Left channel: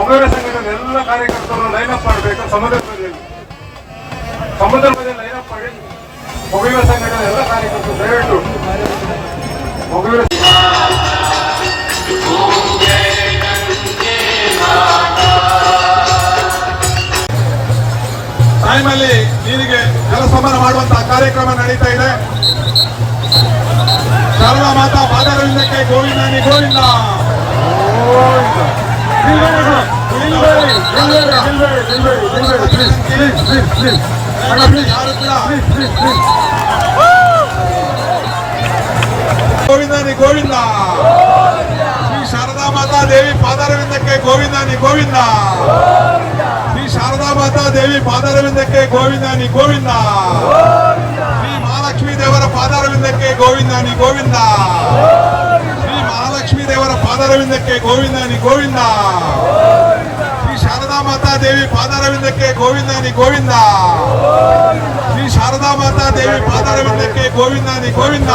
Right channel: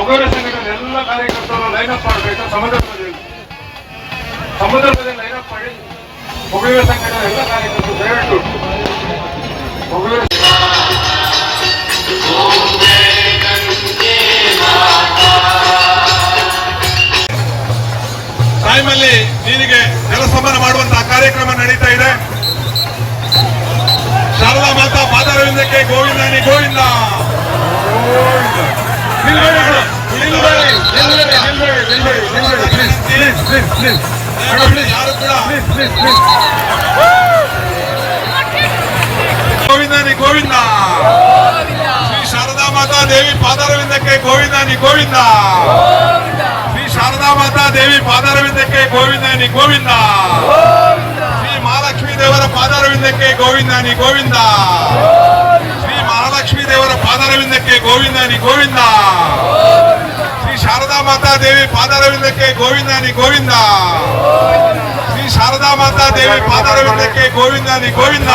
ಮೊಗರ ಸಂಘಟನೆ ಎಲ್ಲ ಕಾರ್ಯಕರ್ತರು ಲೈನಪ್ ಮಾಡಬೇಕು. ಸಂದರ್ಭದಲ್ಲಿ ಲೈನಪ್ ಮಾಡಿ ಮೊಗರ ಸಂಘಟನೆ ಎಲ್ಲ ಕಾರ್ಯಕರ್ತರು ದಯವಿಟ್ಟು ಮೊಗರ ಟೈಮಲ್ಲಿ ನೀರಿಗೆ ಜಲಸಮಾನ ಮಾಡುವಂತಹ ಕಾರ್ಯಕ್ರಮ ನಡೀತಾ ಇದೆ. ಶಾರದಾ ಮಾತಾ ಪಾದಾರವಿಂದಕ್ಕೆ ಗೋವಿಂದನಿ ಗೋವಿಂದ. ಯಾರು ಕೂಡ ಗೋವಿಂದನಿ ಗೋವಿಂದ. ಶ್ರೀ ಶಾರದಾ ಮಾತಾ ದೇವಿ ಪಾದಾರವಿಂದಕ್ಕೆ ಗೋವಿಂದನಿ ಗೋವಿಂದ. ಶ್ರೀ ಶಾರದಾ ಮಾತಾ ದೇವಿ ಪಾದಾರವಿಂದಕ್ಕೆ ಗೋವಿಂದನಿ ಗೋವಿಂದ. ಶ್ರೀ ಮಹಾಲಕ್ಷ್ಮೀ ದೇವರ ಪಾದಾರವಿಂದಕ್ಕೆ ಗೋವಿಂದನಿ ಗೋವಿಂದ. ಶ್ರೀ ಮಹಾಲಕ್ಷ್ಮೀ ದೇವರ ಪಾದಾರವಿಂದಕ್ಕೆ ಗೋವಿಂದನಿ ಗೋವಿಂದ. ಶ್ರೀ ಶಾರದಾ ಮಾತಾ ದೇವಿ ಪಾದಾರವಿಂದಕ್ಕೆ ಗೋವಿಂದನಿ ಗೋವಿಂದ. ಶ್ರೀ ಶಾರದಾ ಮಾತಾ ದೇವಿ ಪಾದಾರವಿಂದಕ್ಕೆ ಗೋವಿಂದನಿ ಗೋವಿಂದ.